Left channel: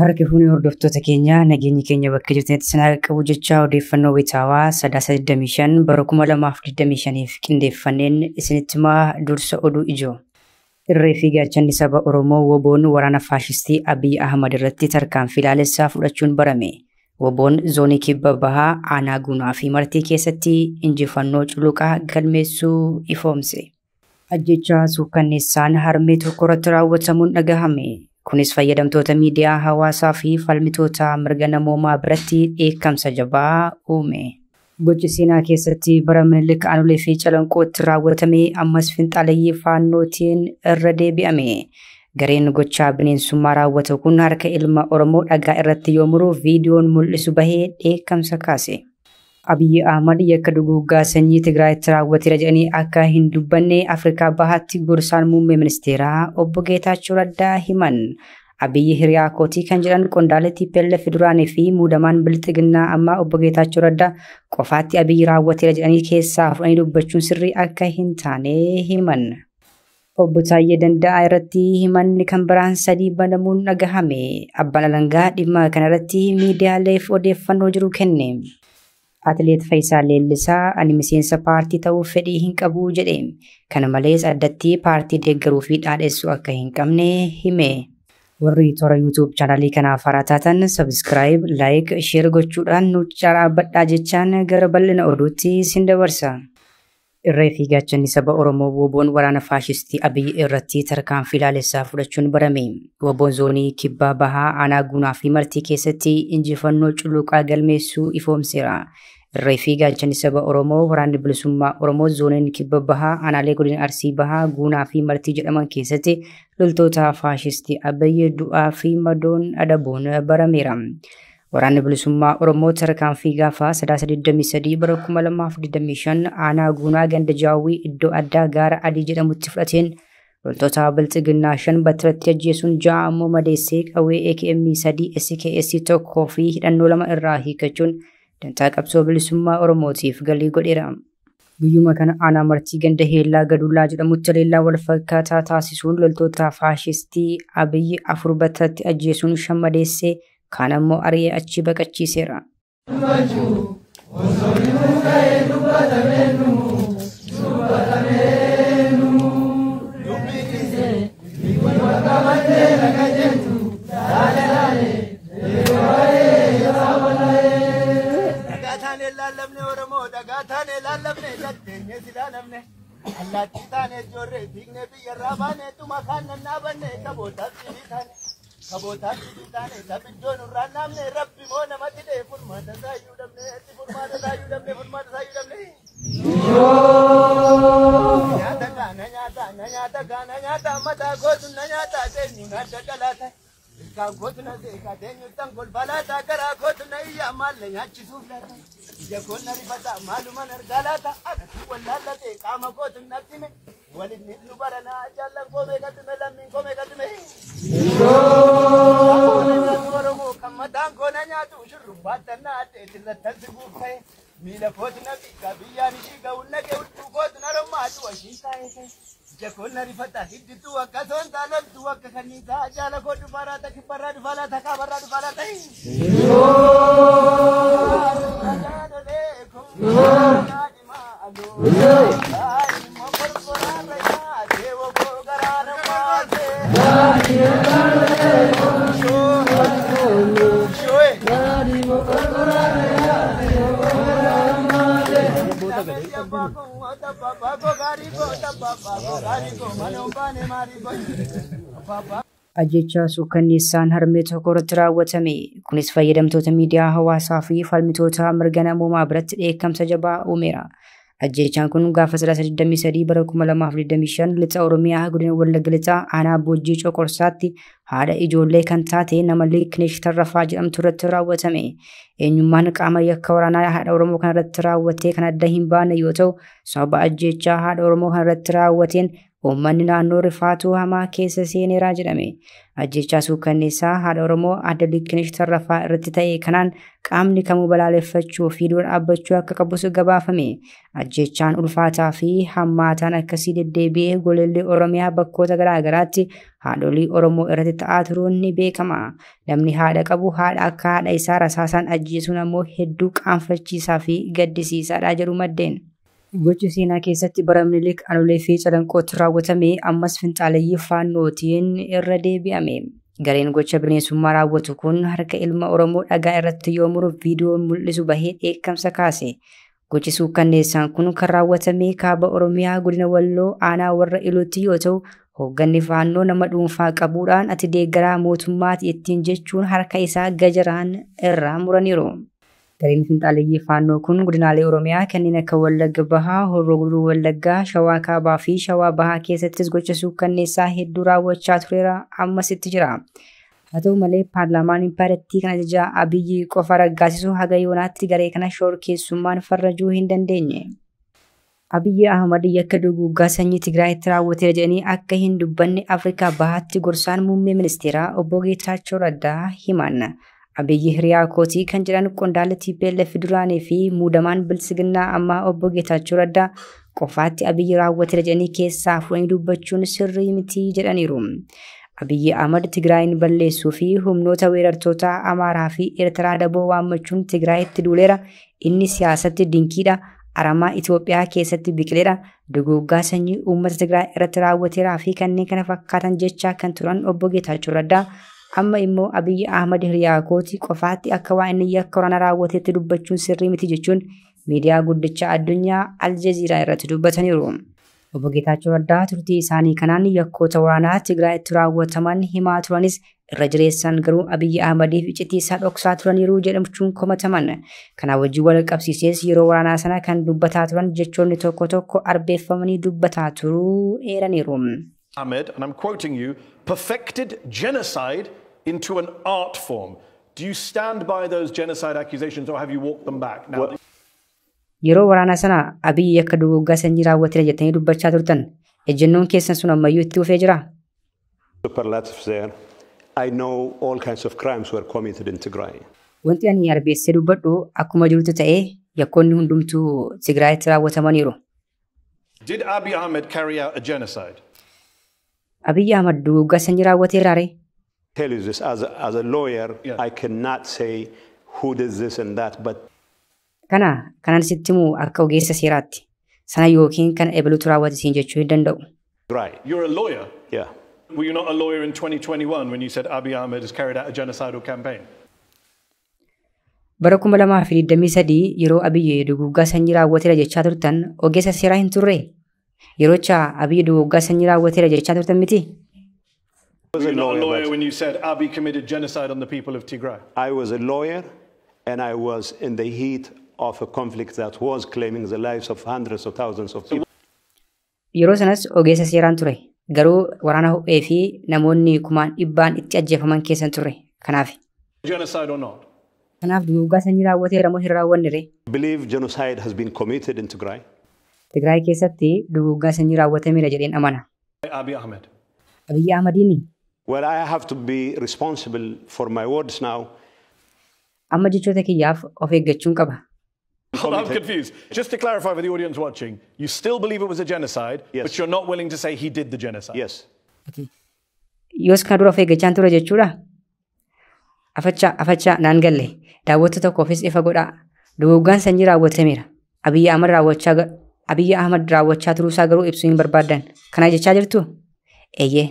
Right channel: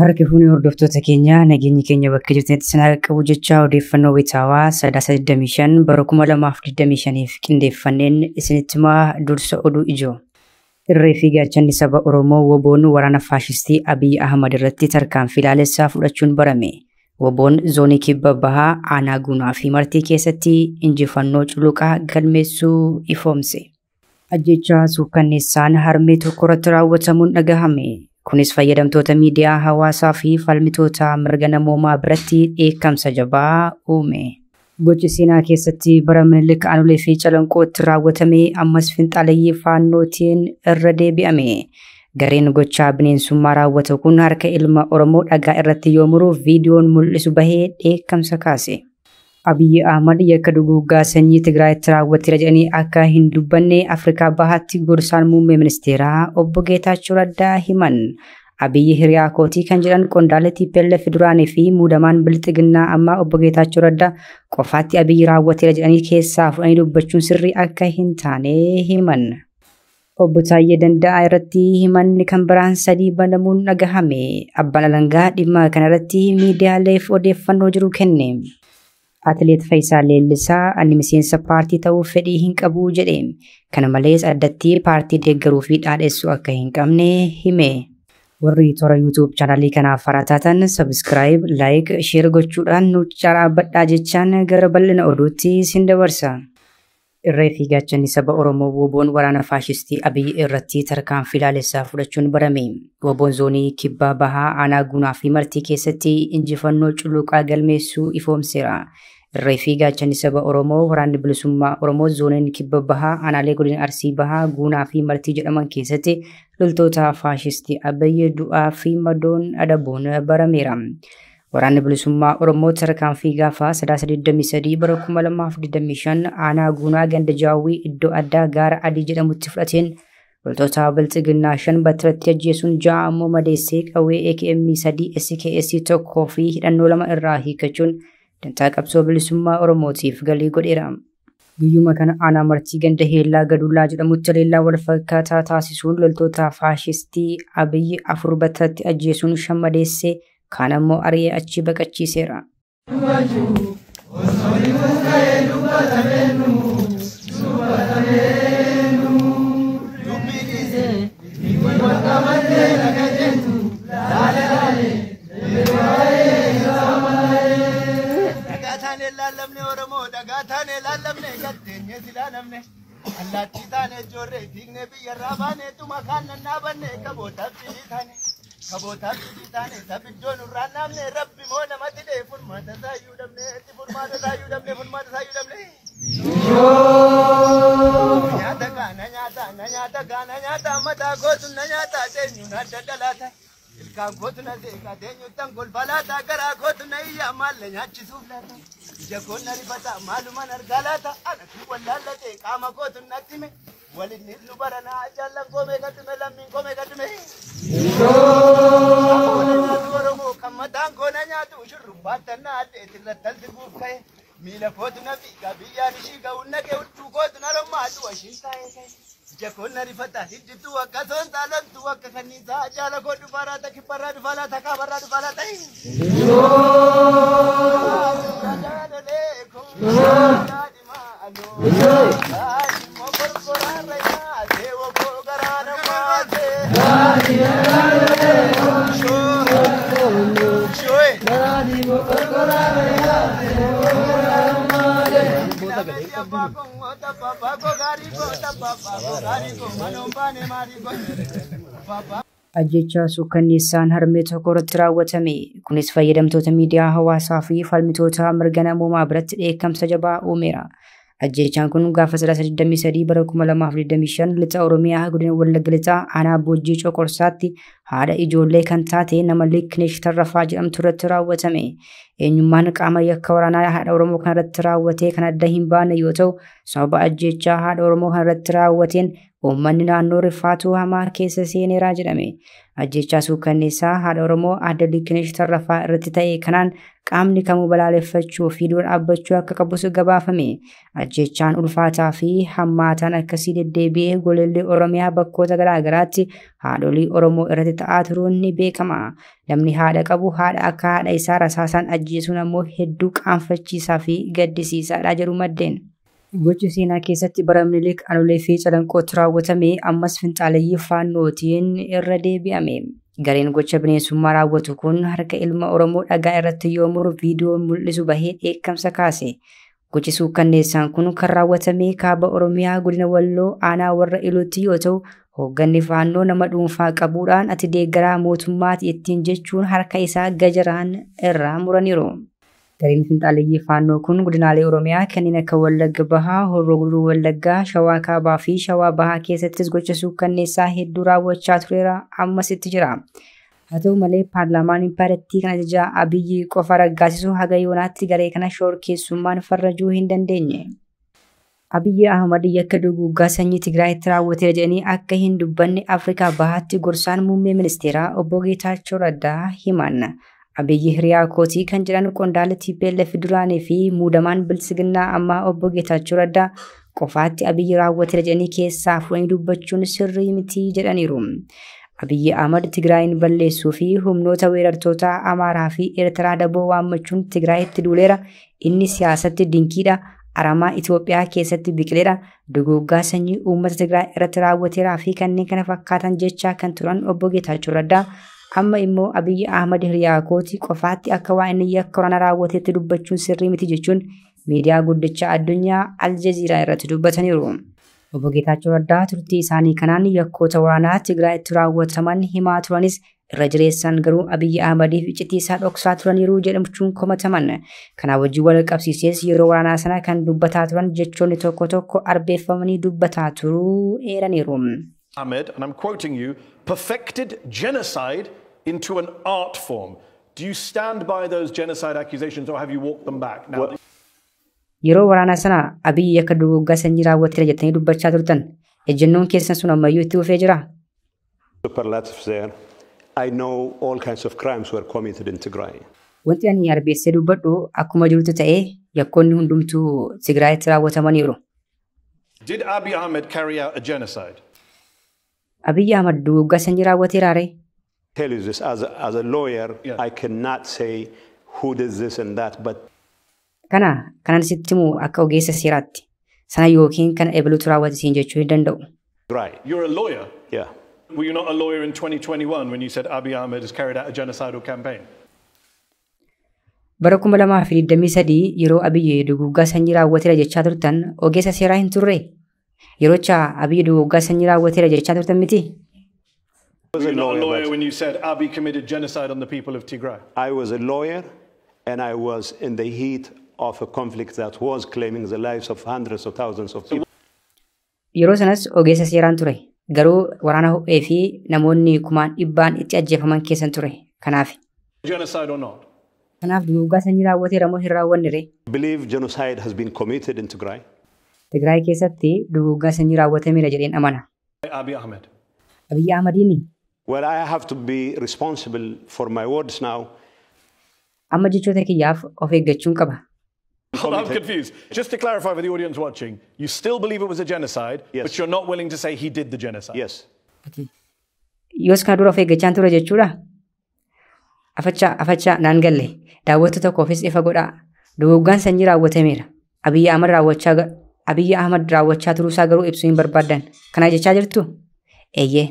Harkifuun hordoftoota keenya nageenyi keenya bakka jirtanitti isin haa qabu jechaa odeeffannoo wayitaawaa 325 bara 2025 qindeeffanneen isinitti himaa dursa oduu ijoo. Irree fi gaachanni saba Oromoo WBO'n waraana faashistii Abiy Ahmad irratti tarkaanfii ilaalessaa fudhachuun barame. WBO'n zoonii kibba bahaa aanaa Guunaa fi Martii keessatti injifannoo culuqaa galmeessuu ifoomse. Ajjechaa suukkanneessaan harmee tokko irratti raawwatamuun dhagahame. Kunis fayyadamtoota miidiyaa hawaasaa fi falmitoota mirga namoomaa biratti dheekkamsa jabaa uume. Gochi seenaa keessatti bara Minilik Aanolee fi Calanqootti raawwatame ammas finxaalayyii faannootiin irra deebi'ame. Gareen gochaa bineensummaa raawwatu kun harka ilma Oromoo dhagaa irratti yoo muru viidiyoon mul'isu bahee dheekkamsa kaase. Abiy Ahmad yakka duguuggaa sanyii Tigraayitti raawwateera jedhanii akka hin dubbanne Afrikaa Bahaatti gorsaan muummee ministeeraa obbo Geetaachoo Raddaa himan. Abiy hiriyaa kootii kan jedhan qondaalee TPLF duraanii fi muudamaan bilxiginnaa amma obbo Geetaachoo Raddaa qofaatti Abiy raawwateera jedhanii keessaa fudhanii dubbachuun sirrii akka hin taane himan. Obbo Taayyee Danda'aa irratti himanni kan biraan 3 banamuun dhagahame. Abbaan alangaa dhimma kanarratti miidiyaaleef odeeffannoo jiru kenne. Atileet Faayisaa Leellisaa ani miseensa paartii ta'uuf fedhii hin qabu jedhe. Kana malees addatti paartii deeggaruu fi dhaadhessuu akka hin qabne hime. Warri toora YouTube chaanalii kanaaf haaraa taatan subscribe, like, share gochuudhaan nu carraabbadhaa jechaan gara bal'ina oduutti sin dabarsa. Irree fi gaachanni saba Oromoo WBO'n waraana faashistii Abiy irratti tarkaanfii ilaalessaa fudhachuun barame. WBO'n zoonii kibbaa bahaa aanaa Guunaa fi Martii keessatti injifannoo culuqaa galmeessuu ifoomseera. Irree fi gaachanni saba Oromoo waraanni bilisummaa Oromoo zooniin kibba bahaa aanaalee godina Arsii bahaa Guunaa fi Martii jedhaman keessatti loltoota faashistii Abiy du'aa fi madoon adabuun barameera. Waraanni bilisummaa Oromoo tarkaanfii gaafa 323 bara 2025 aanaa Guunaa ganda Jaawwii iddoo addaa gaara adii jedhamutti fudhateen loltoota bilxiginnaa 5 battiratti ajjeesuun 6 ammoo madeessee qawwee AKM 3 SKS 1 fi hidhannoo 2 irraa hiikachuun dantaa qabsoo bilisummaa Oromootiif galii godheera. Guyyuma kana aanaa Martii ganda Heellaa Gadullaa jedhamutti leellaa wal fakkaataa taasisuun loltoota faashistii Abiy 4 battiratti ajjeesuun 5 madeessee kaan ammoo ari'ee achi baqachiiseera. Kabotaan taane sabiddoon urraan namne rabbi moo namatti dhee furmaata saayyuu dhabne itti furmaata saayyuu dhabne furmaata saayyuu dhabne. Nyaata kaana nyaata mataa kootu na nyaata teenyu na daddalaata ilkaan kootu na seeqa teenyu tan kolfalaata garaa kootu na iyyaa maalle nyaachisuuf laata ija koon na rifata maaluman argaa laata anatu wallaallatee qaama kootu natti hime. Walin nu barana jalan kome kadime lammin kome kadime. Oromoo kamatan kona nyaatu shurrubbatan na ate tirrattan sibuuf ka'e miila kooti na xiqqaa biyyaan ishii ga'uun naqee hudduu kooti na rommaatu washiin taa'e ija koon na rifata hiddituu akka soon taaloltuu akka kanniisaa jaala koo dhufaaraa ta kibbarraa dhufaalaa ta kaabarraa dhufaalaa ta'e. Ajjechaa suukkanneessaan harmee tokko irratti raawwatame. Kunis fayyadamtoota miidiyaa hawaasaa fi falmitoota mirga namoomaa biratti dheekkamsa jabaa uumeera. Ajjechaan kun gaafa 323 bara 2025 lixa Oromiyaa godina Wallagga lixaa aanaa Boojjii Coqorsaatti haadha ijoollee kan taate nama Liiknesh Tarrafaa jedhamtu irratti raawwatame. Eenyummaan qaama yakka waraanaa haadha Oromoo kana irratti raawwatee kan adda hin baane yoo ta'u, sababa ajjechaa haadha Oromoo kana irratti raawwateen uummanni naannoo rifaatu hamaa keessa seeneeraa jedhame. Ajjechaa suukkanneessaa haadha Oromoo Aadde Liqinesh Tarrafaa irratti ta'e kanaan qaamni kamuu balaaleffachuu fi dura dhaabbachuu akka qabus gabaafame. Ajjechaan ulfaataa fi hammaataan akkasii deddeebi'ee golollee Oromiyaa bakkoota garaa garaatti haadholii Oromoo irratti ta'aa turuun ni beekama. Namni haadha qabu haadha akka haadha isaa rasaasaan ajjeesuun ammoo hedduu qaanfachiisaa fi gaddisiisaadha jedhu maddeen. Gochi seenaa keessatti bara Minilik Anolee fi Calanqootti raawwatame ammas finxaaleeyyii faannootiin irra deebi'ame. Gareen gocha bineensummaa raawwatu kun harka ilma Oromoo dhagaa irratti yoo muru viidiyoo mul'isu bahee dheekkamsa kaase. Gochi suukkanneessaan kun kan raawwatame kaaba Oromiyaa godina Walloo aanaa warra Ilootti yoo ta'u, hoogganni faannoo nama dhuunfaa qabuudhaan ati deeggaraa mootummaati ittiin jechuun harka isaa gajaraan irraa muraniiru. Gareen finxaaleeyyii faannoo kun godinaalee Oromiyaa kanneen akka Wallagga Bahaa, Horroo Guduruu Wallaggaa, Shawaa Kaabaa fi Shawaa Bahaa keessattis gocha suukkanneessaa hedduu raawwachaa tureera ammasitti jira. Haa ta'u malee paarlaamaan impaayirtii kan ajajaa Abiyyi qofa raggaasisu haga yoonaatti garee kana shororkeessummaan farrajuu hin dandeenye. Abiyyi Ahmad yakka duguuggaa sanyii Tigraayitti raawwatee jedhanii akka hin dubbanne Afrikaa Bahaatti gorsaan muummee ministeeraa obbo Geetaachoo Raddaa himan. Abiyyi hiriyaa kootii kan jedhan qondaala TPLF duraanii fi muudamaan bilisiginnaa ammaa obbo Geetaachoo Raddaa qofaatti Abiyyi raawwatee jedhanii keessaa fuudhanii dubbachuun sirrii miti jedhaniiru. Abiyyi Ahmad Tigraayin balleessuu fi humnoota weerartoota Amaaraa fi Eertiraa daboo waammachuun Tigraayitti duuleera. Inni siyaasatti dinqiidha. Aramaa Itoophiyaa keessatti biqileera. Duguuggaa sanyii uummata Tigraay irratti raawwateeraa fi kanneen kana fakkaatan jechaa kan turan obbo Geetaachoo Raddaa amma immoo Abiyyi Ahmad hiriyaa kootii qofaatti akka waan inni yakka kana raawwateetti dubbachuun sirrii miti jechuun miidiyaa guddicha addunyaa Aljazeeraa irratti dubbataniiru. Obbo Geetaachoo Raddaa turtii isaanii kanaan yakkoota waraanaa Tigraayitti raawwataman himaa turanis irra jireessan garuu Abiyyi Ahmadiif icciitii dhoksaa turaniiru jedhamuun komataman. Kana wajjin wal qabsiisees yeroo waraanaa sana kan dubbataa turan jechoonni tokko tokko arbeeffamanii dubbataa turuu eeraniiru. Ahmed, and I'm quoting you, perfected genocide into an art form. Do you stand by those genocide accusations or have you walked them back? Now, yeroo waraana sana Abiyyi akka duguuggaa sanyii raawwatee jettanii dubbachaa turtan ejjennoon keessan sun ammayyuu itti dhufee jira. Superlatives there. I know all kinds of crimes were committed in Tigray. Wanti ani arbeessee dubbadhu akkuma jirutti ta'ee yakkoonni hundumtuu Tigraayitti raawwatamaniiru. did Abiy Ahmed carry out a genocide? Abiyyi Ahmad duguuggaa sanyii raawwateera ree? Tell you this as a lawyer, yeah. I cannot say who did this and that, but kanan sitti himu akka ogeessa seeraatti sana yookiin kan ebaluutu raawwate siin jechuu hin danda'u. Right. You're a lawyer? Yeah. Were you not a lawyer in 2021 when you said Abiy Ahmed has carried out a genocidal campaign? Bara 2023 yeroo Abiyyi duguuggaa sanyii raawwateera jechaa turtan ogeessa seeraa hin turre? Yeroocha Abiyyi duguuggaa sanyii raawwateera jechaa turtan miti? Were you not a lawyer when you said Abiy committed genocide on the people of Tigray? I was a lawyer and I was in the heat of a conflict that was claiming the lives of hundreds of thousands of people. Yeroo sanas ogeessa seeraan ture. Garuu waraana ho'ee fi namoonni kumaan dhibbaan itti ajjeefaman keessan ture. Kanaaf. Genocide or not? Kanaaf duguuggaa sanyii raawwateera moo hin raawwanne ree? I believe genocide has been committed in Tigray. Tigraay keessatti duguuggaa sanyii raawwatameera jedheen amana. Abiy Ahmed. Abiyyi Ahmadiini. Well, I have to be responsible for my words now. Amma jechoota kiyyaaf of eeggachuun qaba. I'm confused. Just to clarify for the audience watching, you still believe it was a genocide, yes. But you're not willing to say he did the genocide? Yes. Okay. Yoos kan dura of eeggachaan ture jechuudha. Afachaa naan galle. Daawwattoota tokkoofis ifa godhaa. Duguuggaan sanyii raawwatameera. Abiyyi Ahmad raawwachaa turuusaa garuu ibsuu hin barbaadan. Kana jechaa jirtu? Eeyyee.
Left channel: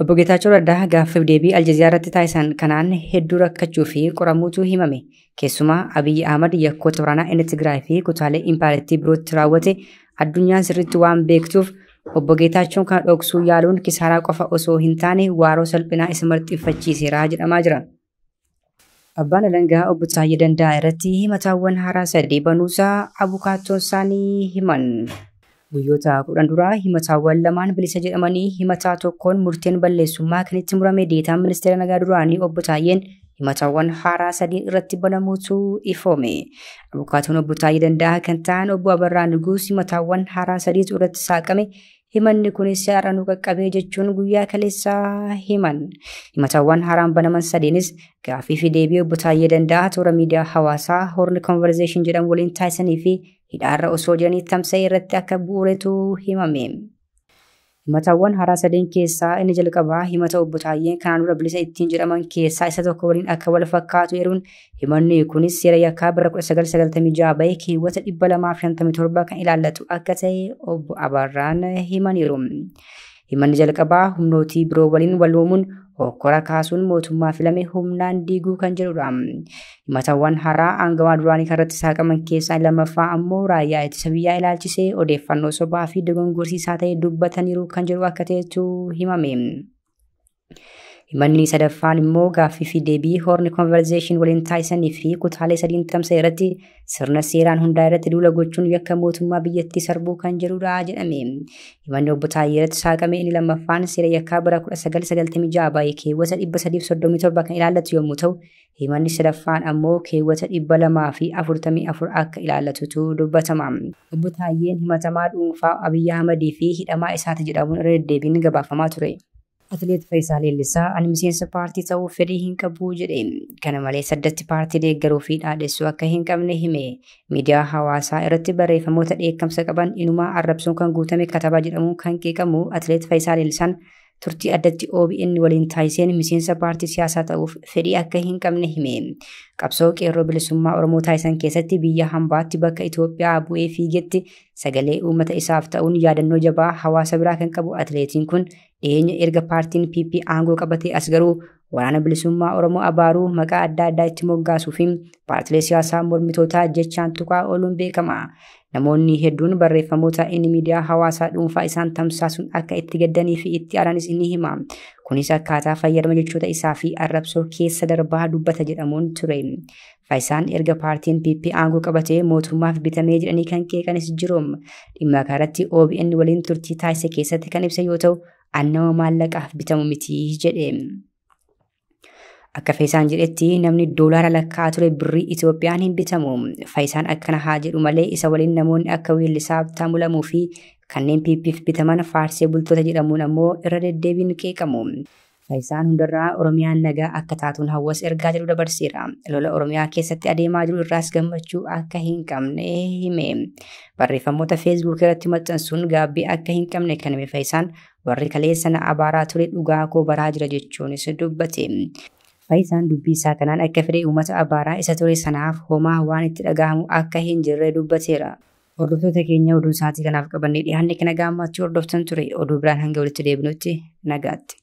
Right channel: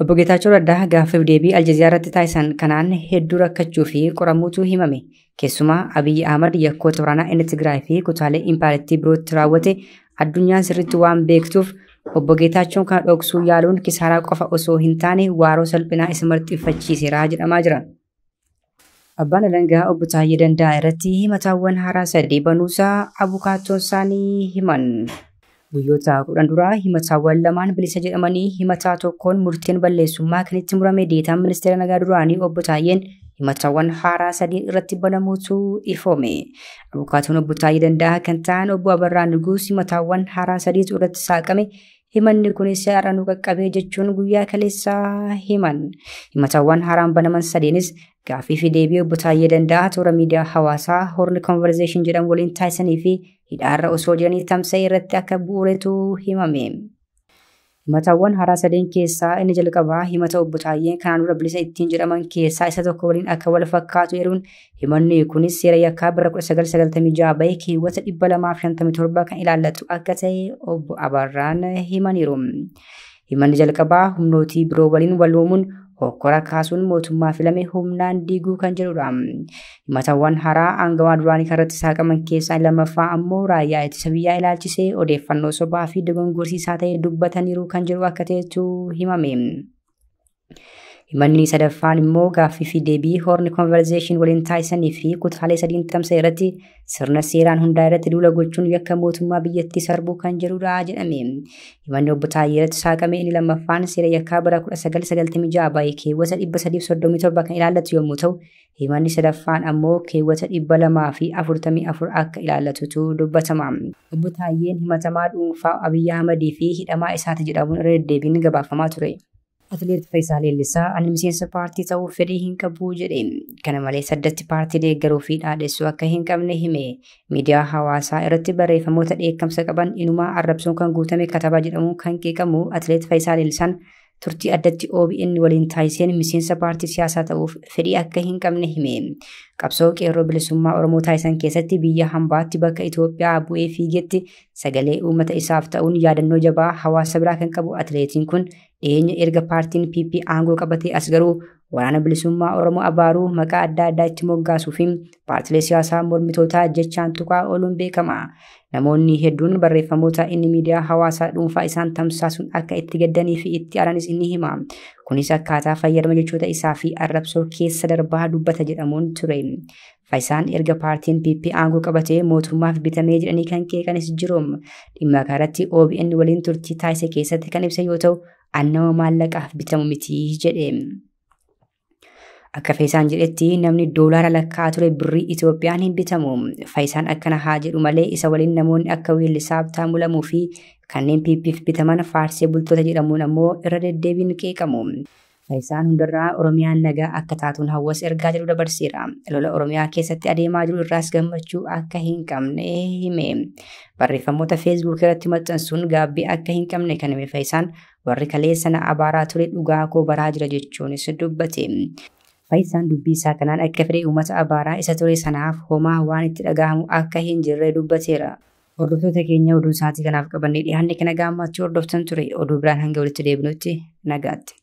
Obbo Geetaachoo Raddaa gaaffiif deebii Aljazeeraatti taasisan kanaan hedduu rakkachuu fi qoramuutu himame. Keessumaa Abiyyi Ahmad yakkoota waraanaa inni Tigraay fi kutaalee impaayirtii birootti raawwate addunyaan sirriitti waan beektuuf obbo Geetaachoon kan dhoksuu yaaluun kisaaraa qofa osoo hin taane waaroo salphinaa isa marxiffachiiseera jedhamaa jira. Abbaan Alangaa obbo Taayyee Danda'a irratti himataawwan haaraa 3 banuusaa abukaattoon isaanii himan. Guyyoota 10 dura himataawwan lamaan bilisa jedhamanii himataa tokkoon murteen balleessummaa kan itti murame deetaan ministeera nagaa duraanii obbo Taayyeen himatawwan haaraa sadii irratti banamuutu ifoome. Abukaatoon obbo Taayii Danda'a kan ta'an obbo Abarraa Nuguus himatawwan haaraa sadii irratti saaqame himanni kunis seera nu qaqqabee jechuun guyyaa kaleessaa himan. Himatawwan haaraan banaman sadiinis gaaffii fi deebii obbo Taayii Danda'a toora miidiyaa hawaasaa Horn Conversation jedhamu waliin taasisanii fi hidhaarra osoo jiranii tamsa'e irratti akka bu'uuretu himame. Himatawwan haaraa sadeen keessaa inni jalqabaa himata obbo Taayyeen kanaan dura bilisa ittiin jedhaman keessaa isa tokko waliin akka wal fakkaatu eeruun himanni kunis seera yakkaa bara 1996 bahee keewwata 257 kan ilaallatu akka ta'e obbo Abarraan himaniiru. Himanni jalqabaa humnootii biroo waliin waloomuun hokkora kaasuun mootummaa filame humnaan diiguu kan jedhudha. Himatawwan haaraa aangawaa duraanii irratti saaqaman keessaa lammaffaa ammoo raayyaa ittisa biyyaa ilaalchisee odeeffannoo sobaa fi dogongorsiisaa ta'e dubbataniiru kan jedhu akka ta'etu himame. Himanni sadaffaan immoo gaaffii fi deebii Horn Conversation waliin taasisanii fi kutaalee sadiin tamsa'e irratti sirna seeraan hundaa irratti duula gochuun yakka mootummaa biyyattii sarbuu kan jedhudha jedhame. Himanni obbo Taayyee irratti saaqame inni lammaffaan seera yakkaa bara 1996 bahee keewwata 337 kan ilaallatu yommuu ta'u, himanni sadaffaan ammoo keewwata 244 akka ilaallatutu dubbatama. Obbo Taayyeen himatamaa dhuunfaa Abiyyi Ahmadii fi hidhamaa isaati jedhamuun irra deddeebiin gabaafamaa ture. Atileet Faayisaa Leellisaa ani miseensa paartii ta'uu fedhii hin qabu jedhe. Kana malees addatti paartii deeggaruu fi dhaadhessuu akka hin qabne hime. Miidiyaa hawaasaa irratti barreeffamoota dheekkamsa qaban inumaa arrabsuun kan guutame katabaa jedhamuun kan qeeqamu Atileet Faayisaa Leellisaan turtii addatti OBN waliin taasiseen miseensa paartii siyaasaa ta'uuf fedhii akka hin qabne hime. Qabsoo qeerroo bilisummaa Oromoo taasisan keessatti biyya hambaatti bakka Itoophiyaa bu'ee fiigetti sagalee uummata isaaf ta'uun yaadannoo jabaa hawaasa biraa kan qabu atileetiin kun dhiyeenya erga paartiin PP aangoo qabatee as garuu waraana bilisummaa Oromoo abaaruu maqaa adda addaa itti moggaasuu fi paartilee siyaasaa mormitootaa jechaan tuqaa ooluun beekama. Namoonni hedduun barreeffamoota inni miidiyaa hawaasaa dhuunfaa isaan tamsaasuun akka itti gaddanii fi itti aaranis ni hima. Kunis akkaataa fayyadama jechoota isaa fi arrabsoo keessa darbaa dubbata jedhamuun ture. Faayisaan erga paartiin PP aangoo qabatee mootummaaf bitamee jedhanii kan qeeqanis jiru. Dhimma kanatti OBN waliin turtii taasise keessatti kan ibsa yoo ta'u, annama maallaqaaf bitamu miti jedhe. Akka Faayisaan jedhetti namni doolaara lakkaa'atu birrii Itoophiyaan hin bitamu. Faayisaan akkana haa jedhu malee isa waliin namoonni akka Weellisaa Habtaamuu Lamuu fi kanneen PP'f bitaman faarsee bultoota jedhamuun ammoo irra deddeebiin qeeqamu. Faayisaan hundarraa Oromiyaan nagaa akka taatuun hawaasa ergaa jedhu dabarseera. Lola Oromiyaa keessatti adeemaa jiru irraas gammachuu akka hin qabne hime. Barreeffamoota Facebook irratti maxxansuun gaabbii akka hin qabne kan hime Faayisaan warri kaleessa na abaaraa ture dhugaa koo baraa jira jechuunis dubbate. Faayisaan dubbii isaa kanaan akka fedhii uummata abaaraa isa ture sanaaf homaa waan itti dhagahamu akka hin jirre dubbateera. Hordoftoota keenya oduu isaatii kanaaf qabannee dhiyaanne kana gammachuu hordoftan ture. Oduu biraan hanga walitti deebinutti nagaatti.